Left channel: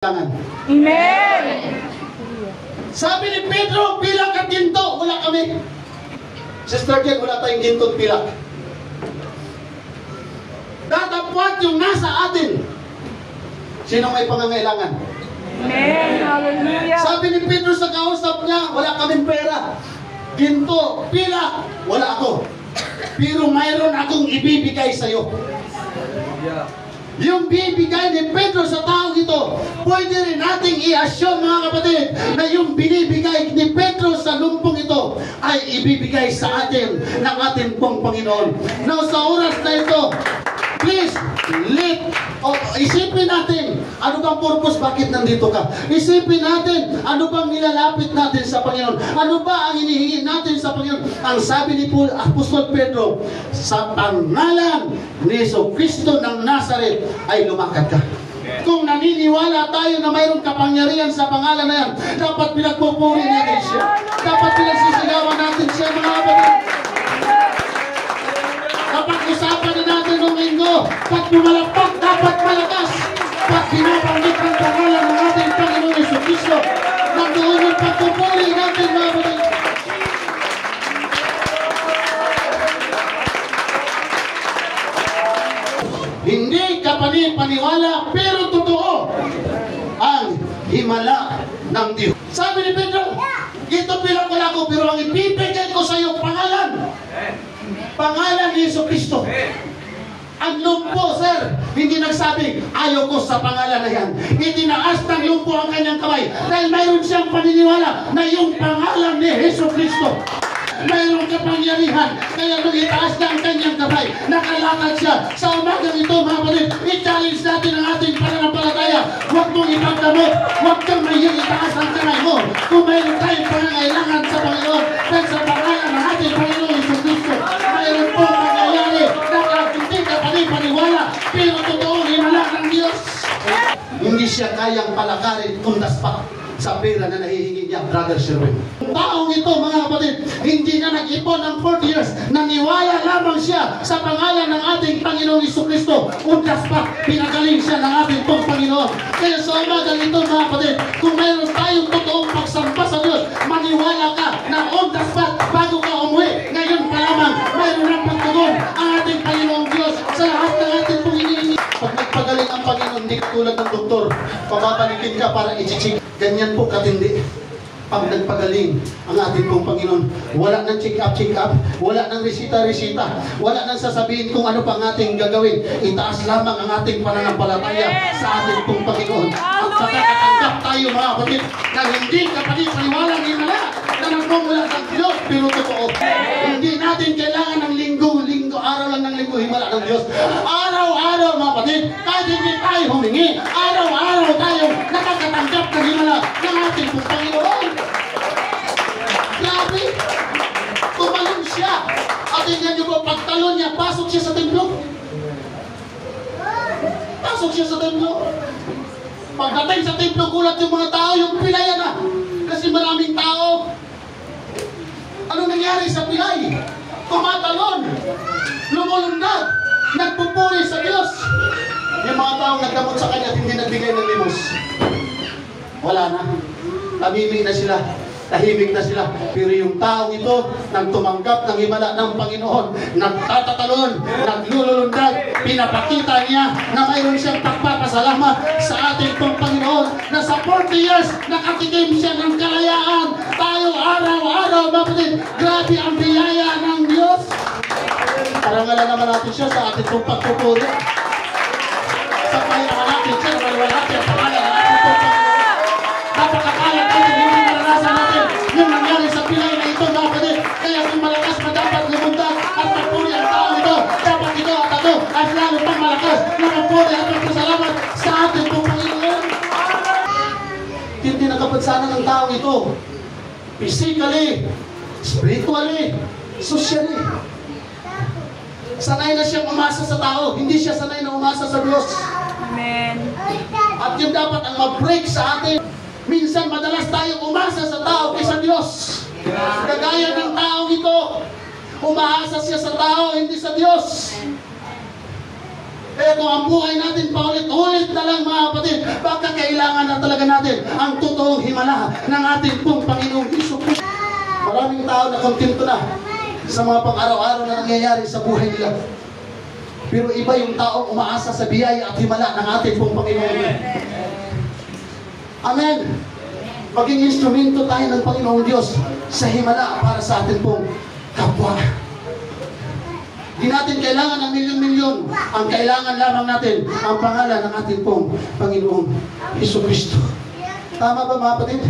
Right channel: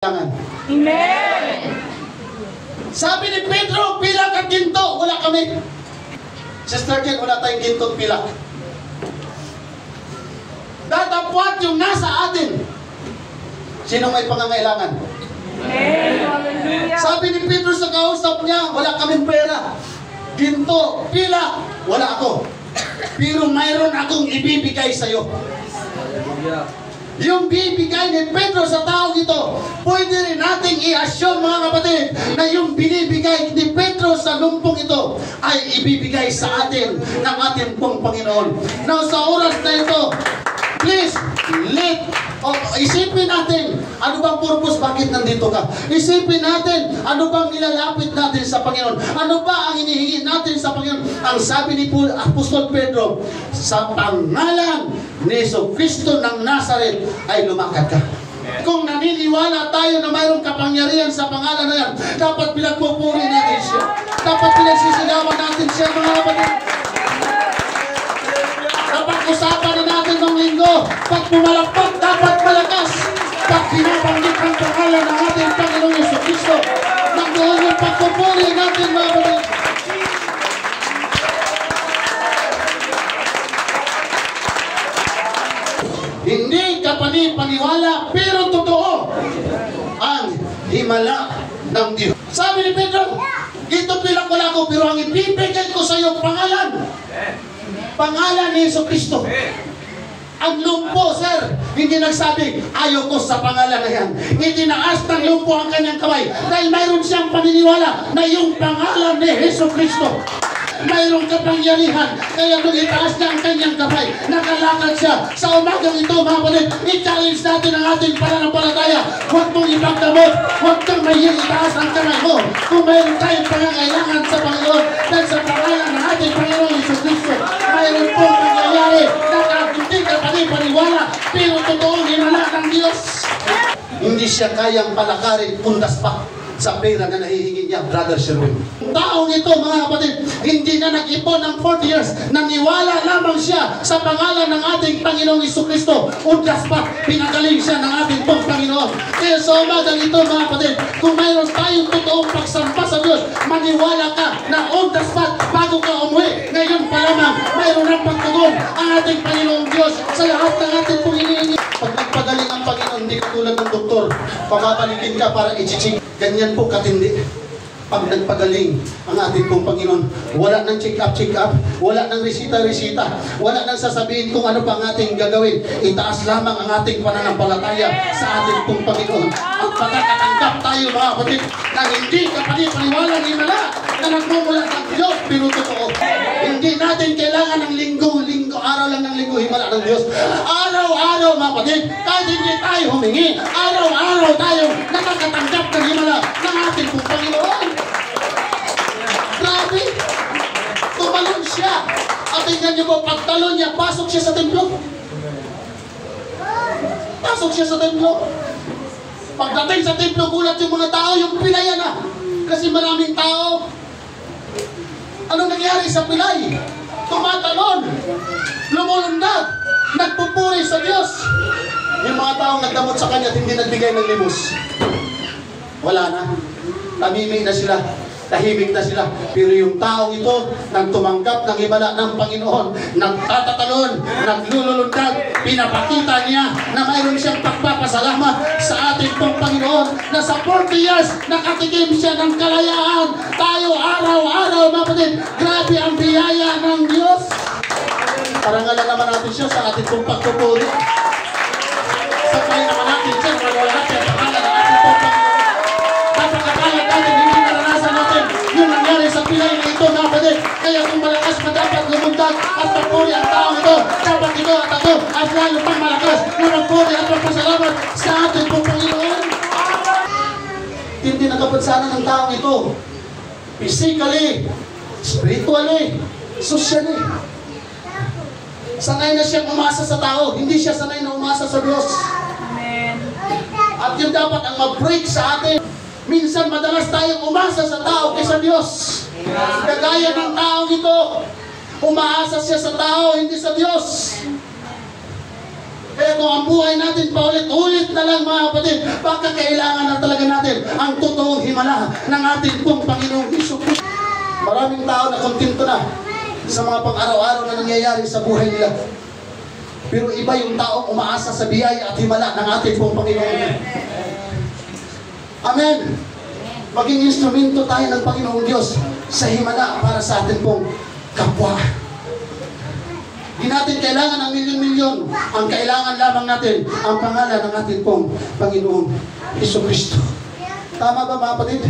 Amen. Sabi ni Pedro, pilak at ginto. Wala kami. Sister Jen, wala tayong ginto at pilak. Datapwat yung nasa atin. Sino may pangangailangan? Amen. Hallelujah. Sabi ni Pedro sa kausap niya, wala kaming pera. Ginto, pilak, wala ako. Pero mayroon akong ibibigay sa iyo. Yung bibigay ni Pedro sa taong ito, pwede rin nating i-assume mga kapatid na yung binibigay ni Pedro sa lumpong ito ay ibibigay sa atin ng ating pong Panginoon. Now sa oras na ito, please, isipin natin, ano bang purpose, bakit nandito ka? Isipin natin, ano bang nilalapit natin sa Panginoon? Ano ba ang hinihingi natin sa Panginoon? Ang sabi ni Apostol Pedro, sa pangalan ni Jesucristo ng Nazaret ay lumakad ka. Kung naniniwala tayo na mayroong kapangyarihan sa pangalan na yan, dapat pinagpupuri natin siya. Dapat pinagsisigawan natin siya, mga kapatid. Dapat usapan na natin ng linggo. Pag pumalakpak, dapat malakas. Pag pinabanggit ang pangalan ng ating Panginoong Jesucristo, nandoon yung pagpupuri natin, mga kapatid. Hindi ka panipaniwala, pero totoo ang himala ng Diyos. Sabi ni Pedro, dito pinakula ko, pero ang ibibigay ko sa iyo pangalan. Pangalan ni Jesucristo. Ang lumpo, sir, hindi nagsabi, ayaw ko sa pangalan na yan. Itinaas ng lumpo ang kanyang kamay dahil mayroon siyang paniniwala na yung pangalan ni Jesucristo mayroong kapangyarihan. Kaya nung itaas niya ang kanyang kamay, nakalakad siya. Sa umagang ito, mga kapatid, i-challenge natin ang ating pananampalataya. Huwag mong ipagdamot. Huwag kang maying itaas ang kamay mo. Kung mayroon tayong pangangailangan sa Panginoon, dahil sa pangalan ng ating Panginoon Jesucristo, mayroon pong nangyayari. Hindi ka panipaniwala, pero totoong hinala ng Diyos. Hindi siya kayang palakarin tundas pa sa pera na nahihingi niya, Brother Sherwin. Taong ito, mga kapatid, hindi na nag-ipon ng 40 years. Naniwala lamang siya sa pangalan ng ating Panginoong Jesucristo. Undas pa, pinagaling siya ng ating pong Panginoon. Kaya sa umagang ito, mga kapatid, kung mayroon tayong totoong pagsamba sa Diyos, maniwala ka na undas pa bago ka umuwi. Ngayon pa lamang, mayroon ng pagtugon ang ating Panginoong Diyos sa lahat ng ating pong hinihingi. Pag nagpagaling ang Panginoon, hindi katulad ng doktor, pababalikin ka para i-check. Ganyan po katindi. Pag nagpagaling ang ating pong Panginoon, wala nang check-up, wala nang resita, wala nang sasabihin kung ano pa ang ating gagawin. Itaas lamang ang ating pananampalataya sa ating pong Panginoon. At patakatanggap tayo, mga kapatid, na hindi ka panipaniwala ni Mala na nagmumula ng Diyos, pero totoo. Hindi natin kailangan ng linggo, araw lang ng linggo, himala ng Diyos. Araw-araw, mga kapatid, kahit hindi tayo humingi, araw-araw tayo nakakatanggap ng himala ng ating pong Panginoon. Grabe! Tumalon siya. At tingnan niyo po, pagtalon niya, pasok siya sa templo. Pasok siya sa templo. Pagdating sa templo, gulat yung mga tao, yung pilayan na. Kasi maraming tao. Ano nangyari sa pilay? Tumatalon. Lumulundag. Nagpupuri sa Diyos. Yung mga taong nagdamot sa kanya at hindi nagbigay ng limos. Wala na. Namimik na sila. Tahimik na sila. Pero yung tao ito, nang tumanggap ng himala ng Panginoon, nagtatatalon, naglulundag, pinapakita niya na mayroon siyang pagpapasalamat sa ating pong Panginoon, na sa 40 years, nakatikim siya ng kalayaan. Tayo araw-araw, mga kapatid, grabe ang biyaya ng Diyos. Parangalan naman natin siya sa ating pong pagpupuri. Sabahin naman natin siya, wala natin ang pangalan ng ating pong Panginoon. Napakakaya natin, hindi naranasan natin yung nangyari sa pilay na ito, mga kapatid. Kaya kung malakas pa dapat lumundag at magpuri ang tao ito, dapat ito at ako at lalo pang malakas na magpuri at magpasalamat sa ating pong Panginoon. Hindi nakapansanan ng tao ito. Physically, spiritually, socially. Sanay na siyang umasa sa tao, hindi siya sanay na umasa sa Diyos. Amen. At yun dapat ang mag-break sa atin. Minsan madalas tayong umasa sa tao kaysa Diyos. Kagaya ng tao ito, umaasa siya sa tao, hindi sa Diyos. Kaya kung ang buhay natin paulit-ulit na lang mga kapatid, baka kailangan na talaga natin ang totoong himala ng ating pong Panginoong Hesus. Maraming tao na kontento na sa mga pang-araw-araw na nangyayari sa buhay nila. Pero iba yung taong umaasa sa biyaya at himala ng ating pong Panginoon. Amen. Maging instrumento tayo ng Panginoong Diyos sa himala para sa ating pong kapwa. Hindi natin kailangan ng milyon-milyon. Ang kailangan lamang natin ang pangalan ng ating pong Panginoong Jesucristo. Tama ba mga kapatid?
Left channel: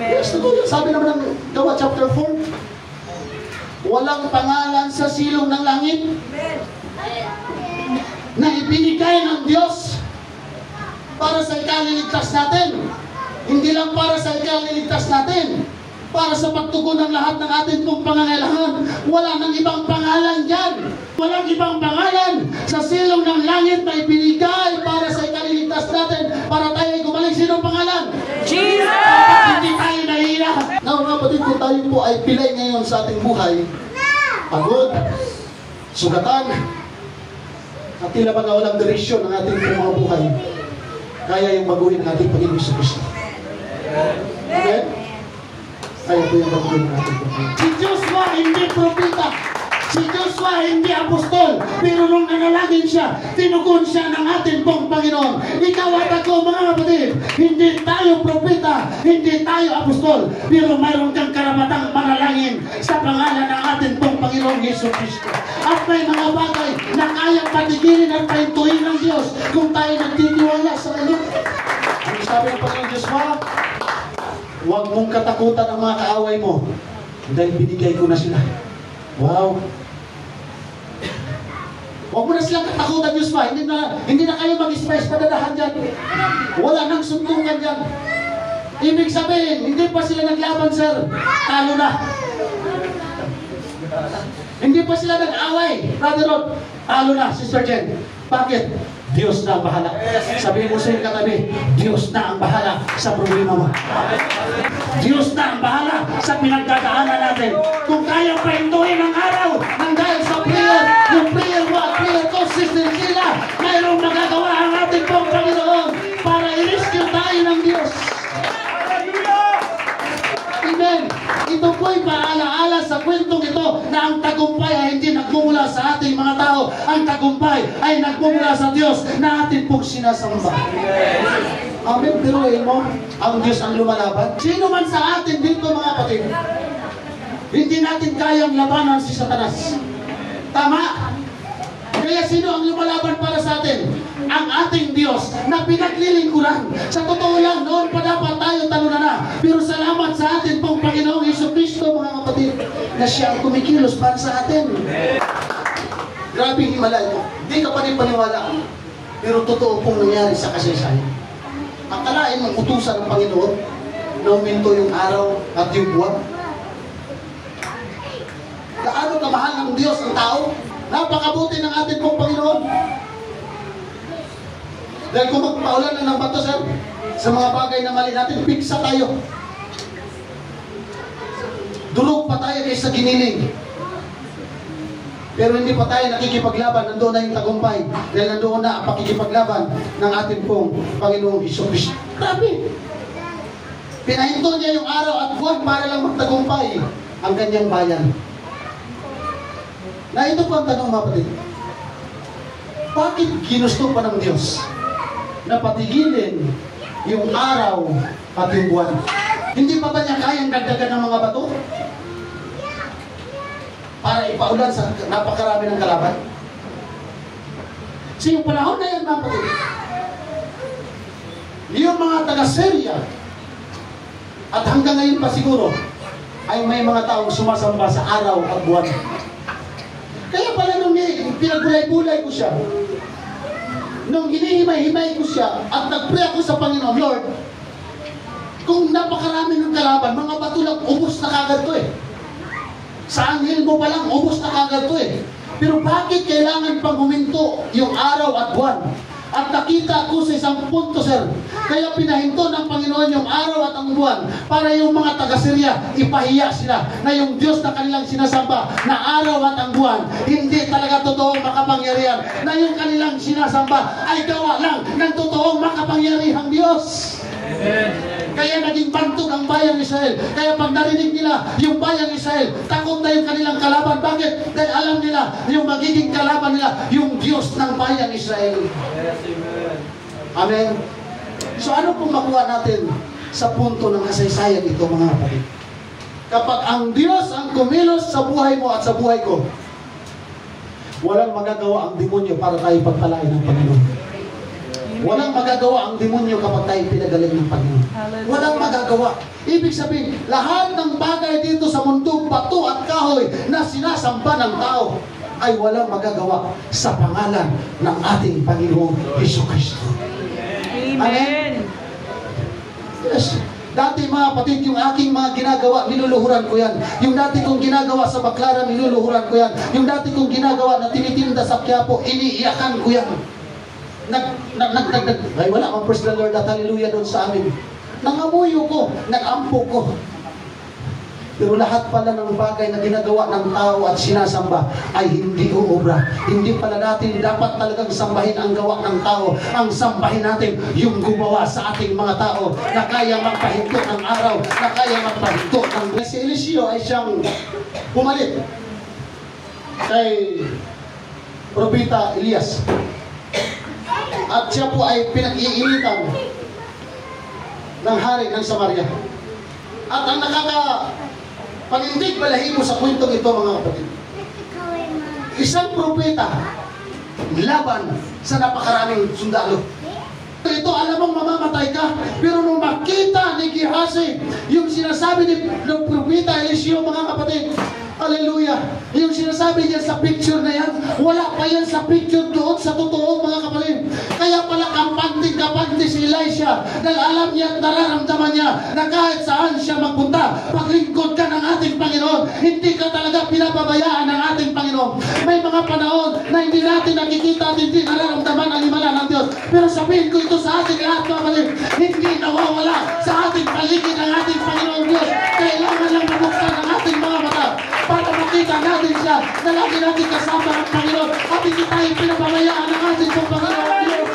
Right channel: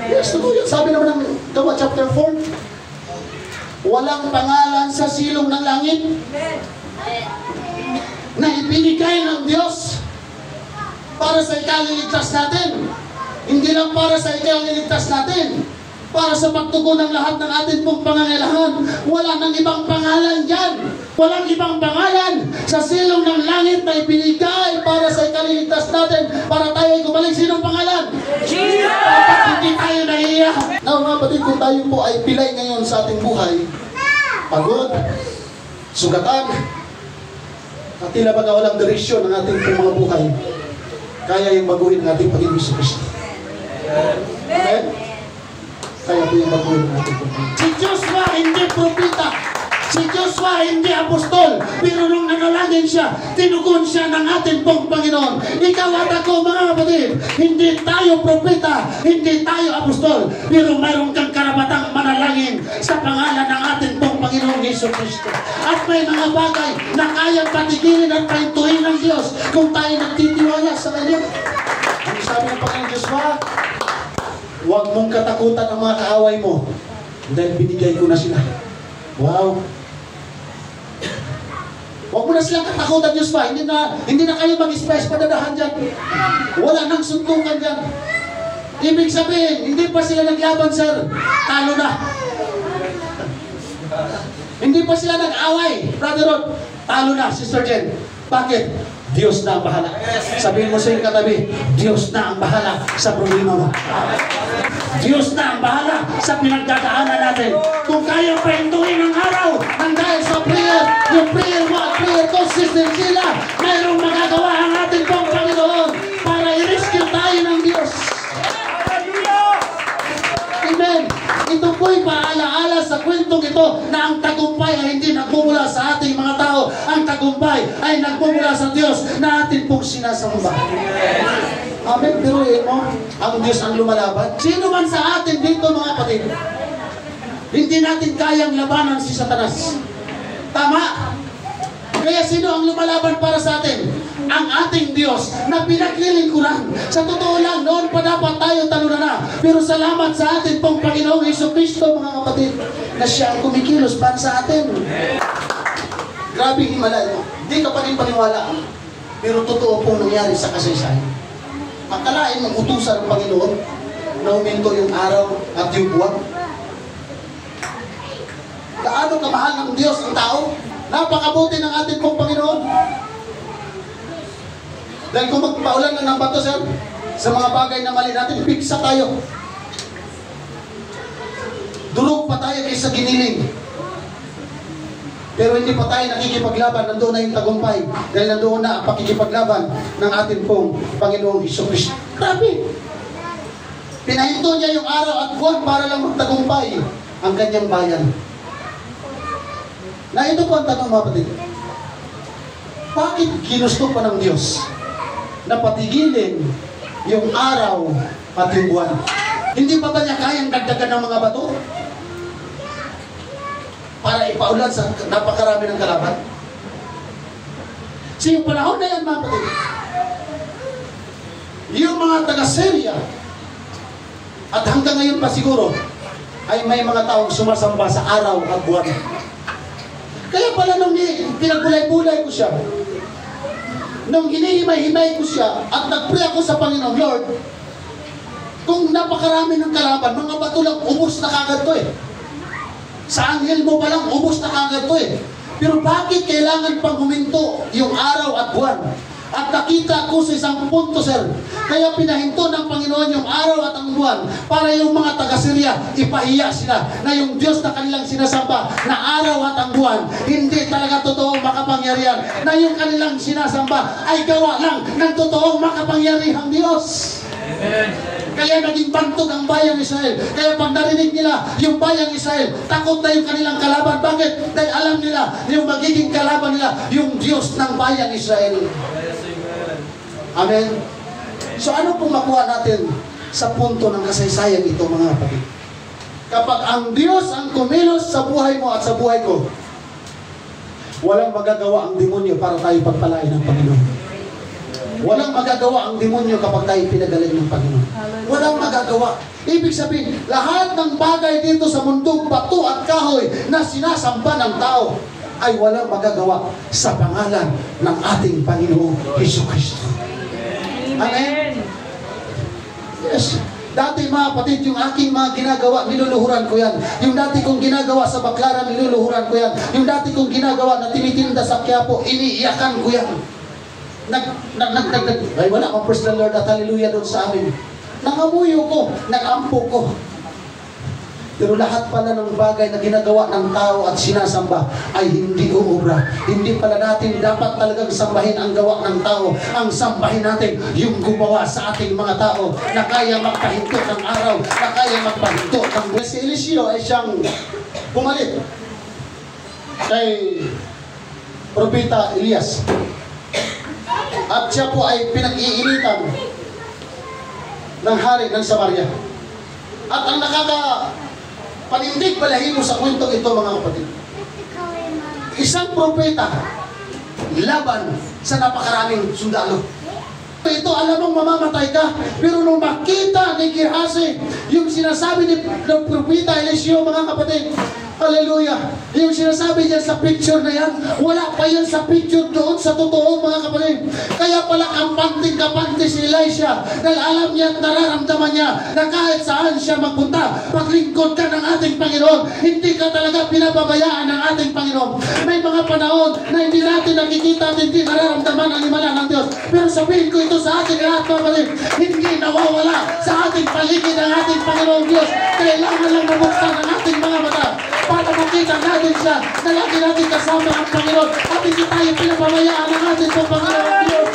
Yes, totoo yun. Sabi naman ng Gawa chapter 4, walang pangalan sa silong ng langit na ibinigay ng Diyos para sa ikaliligtas natin. Hindi lang para sa ikaliligtas natin, para sa pagtugon ng lahat ng ating pong pangangailangan. Wala nang ibang pangalan dyan. Walang ibang pangalan sa silong ng langit na ibinigay para sa ikaliligtas natin, para tayo ay gumaling. Sinong pangalan? Jesus! Dapat hindi tayo nahiya. Now mga kapatid, kung tayo po ay pilay ngayon sa ating buhay, pagod, sugatan, at tila ba na walang direksyon ng ating mga buhay, kaya yung baguhin ng ating Panginoon sa Kristo. Amen? Kaya po yung baguhin ng ating Panginoon. Si Joshua hindi propeta. Si Joshua hindi apostol. Pero nung nanalangin siya, tinugon siya ng ating pong Panginoon. Ikaw at ako mga kapatid, hindi tayo propeta, hindi tayo apostol. Pero mayroon kang karapatang manalangin sa pangalan ng ating pong Panginoong Jesucristo. At may mga bagay na kayang patigilin at pahintuin ng Diyos kung tayo nagtitiwala sa Kanya. Ang sabi ng Panginoon Joshua, huwag mong katakutan ang mga kaaway mo dahil binigay ko na sila. Wow! Huwag mo na silang katakutan, Joshua. Hindi na kayo mag-stress padadahan dyan. Wala nang suntukan dyan. Ibig sabihin, hindi pa sila naglaban, sir. Talo na. Hindi pa sila nag-away. Brother Rod, talo na, Sister Jen. Bakit? Diyos na ang bahala. Sabihin mo sa iyong katabi, Diyos na ang bahala sa problema mo. Diyos na ang bahala sa pinagdadaanan natin. Kung kaya pa hintuin ang araw ng dahil sa prayer, yung prayer mo at prayer consistent sila, mayroong magagawa ang ating pong Panginoon para i-rescue tayo ng Diyos. Amen. Ito po'y paalaala sa kwentong ito na ang tagumpay ay hindi nagmumula sa ating mga tao. Ang tagumpay ay nagmumula sa Diyos na ating pong sinasamba. Amen. Biruin mo, ang Diyos ang lumalaban. Sino man sa atin dito mga kapatid, hindi natin kayang labanan si Satanas. Tama? Kaya sino ang lumalaban para sa atin? Ang ating Diyos na pinaglilingkuran. Sa totoo lang, noon pa dapat tayo talunan na. Pero salamat sa ating pong Panginoong Jesucristo, mga kapatid, na siya ang kumikilos para sa atin. Grabe himala ito. Hindi ka pa rin paniwala. Pero totoo pong nangyari sa kasaysayan. Akalain ng utusan ng Panginoon na huminto yung araw at yung buwan. Gaano kamahal ng Diyos ang tao? Napakabuti ng ating pong Panginoon. Dahil kung magpaulan na ng bato, sir, sa mga bagay na mali natin, piksa tayo. Durog pa tayo kaysa giniling. Pero hindi pa tayo nakikipaglaban, nandoon na yung tagumpay. Dahil nandoon na ang pakikipaglaban ng ating pong Panginoong Jesucristo. Grabe! Pinahinto niya yung araw at buwan para lang magtagumpay ang kanyang bayan. Na ito po ang tanong mga kapatid. Bakit ginusto pa ng Diyos na patigilin yung araw at yung buwan? Hindi pa ba niya kayang dagdagan ng mga bato para ipaulan sa napakarami ng kalaban? So yung panahon na yan mga kapatid, yung mga taga-Syria at hanggang ngayon pa siguro ay may mga taong sumasamba sa araw at buwan. Kaya pala nung pinagbulay-bulay ko siya, nung hinihimay-himay ko siya at nag-pray ako sa Panginoon, Lord, kung napakarami ng kalaban, mga bato lang, ubos na kagad to eh. Sa anghel mo pa lang, ubos na kagad to eh. Pero bakit kailangan pang huminto yung araw at buwan? At nakita ko sa isang punto, sir. Kaya pinahinto ng Panginoon yung araw at ang buwan para yung mga taga-Syria, ipahiya sila na yung Diyos na kanilang sinasamba na araw at ang buwan, hindi talaga totoong makapangyarihan. Na yung kanilang sinasamba ay gawa lang ng totoong makapangyarihang Diyos. Kaya naging bantog ang bayan Israel. Kaya pag narinig nila yung bayan Israel, takot na yung kanilang kalaban. Bakit? Dahil alam nila yung magiging kalaban nila, yung Diyos ng bayan Israel. Amen. So ano pong makuha natin sa punto ng kasaysayan ito, mga kapatid? Kapag ang Diyos ang kumilos sa buhay mo at sa buhay ko, walang magagawa ang demonyo para tayo pagpalain ng Panginoon. Walang magagawa ang demonyo kapag tayo pinagaling ng Panginoon. Walang magagawa. Ibig sabihin, lahat ng bagay dito sa mundong bato at kahoy na sinasamba ng tao ay walang magagawa sa pangalan ng ating Panginoong Jesucristo. Amen? Yes. Dati mga kapatid, yung aking mga ginagawa, niluluhuran ko yan. Yung dati kong ginagawa sa Baclaran, niluluhuran ko yan. Yung dati kong ginagawa na tinitinda sa Quiapo, iniiyakan ko yan. Ay wala akong praise the Lord at hallelujah doon sa amin. Nangamuyo ko, nagampo ko. Pero lahat pala ng bagay na ginagawa ng tao at sinasamba ay hindi uubra. Hindi pala natin dapat talagang sambahin ang gawa ng tao. Ang sambahin natin yung gumawa sa ating mga tao na kaya magpahinto ng araw, na kaya magpahinto ng... Si Eliseo ay siyang pumalit kay Propeta Elias. At siya po ay pinag-iinitan ng hari ng Samaria. At ang nakakapanindig balahibo sa kwentong ito, mga kapatid, isang propeta laban sa napakaraming sundalo. Ito, alam mong mamamatay ka, pero nung makita ni Gehazi yung sinasabi ng propeta Eliseo, mga kapatid, hallelujah, yung sinasabi niya sa picture na yan, wala pa yan sa picture doon sa totoo, mga kapatid. Kaya pala kampante si Elisha dahil alam niya at nararamdaman niya na kahit saan siya magpunta, paglingkod ka ng ating Panginoon, hindi ka talaga pinababayaan ng ating Panginoon. May mga panahon na hindi natin nakikita at hindi nararamdaman ang himala ng Diyos. Pero sabihin ko ito sa ating lahat, mga kapatid, hindi nawawala sa ating paligid ang ating Panginoon Diyos. Kailangan lang mabuksan ang ating mga mata para makita natin siya na lagi natin kasama ang Panginoon at hindi tayo pinababayaan ng ating Panginoon Diyos.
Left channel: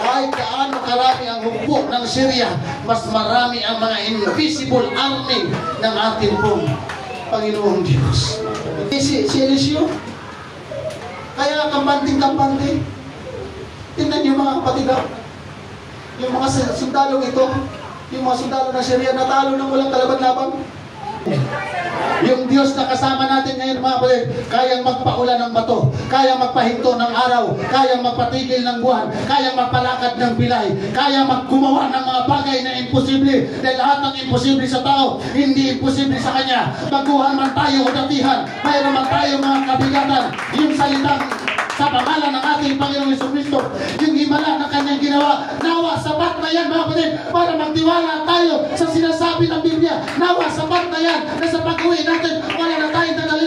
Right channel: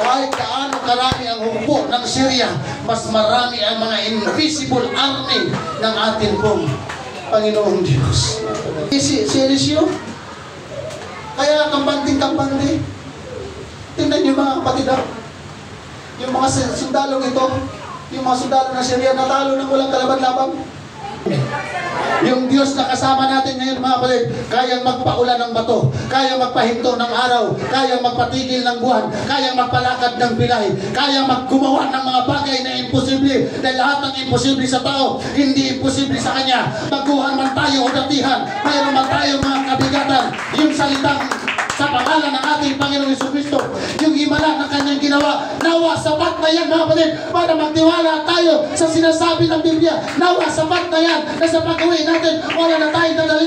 Kahit kaano karami ang hukbo ng Syria, mas marami ang mga invisible army ng ating pong Panginoong Diyos. Si Eliseo, kaya kampante. Tingnan niyo, mga kapatid, yung mga sundalong ito, yung mga sundalo ng Syria, natalo ng walang kalaban-laban. Yung Diyos na kasama natin ngayon, mga kapatid, kayang magpaulan ng bato, kaya magpahinto ng araw, kaya magpatigil ng buwan, kaya magpalakad ng pilay, kaya maggumawa ng mga bagay na imposible. Dahil lahat ng imposible sa tao, hindi imposible sa Kanya. Baguhan man tayo o datihan, mayroon man tayo mga kabigatan, yung salitang sa pangalan ng ating Panginoong Jesucristo, yung himala na Kanyang ginawa, nawa sapat na yan, mga kapatid, para magtiwala tayo sa sinasabi ng Biblia. Nawa sapat na yan, na sa pag-uwi natin, wala na tayong dadala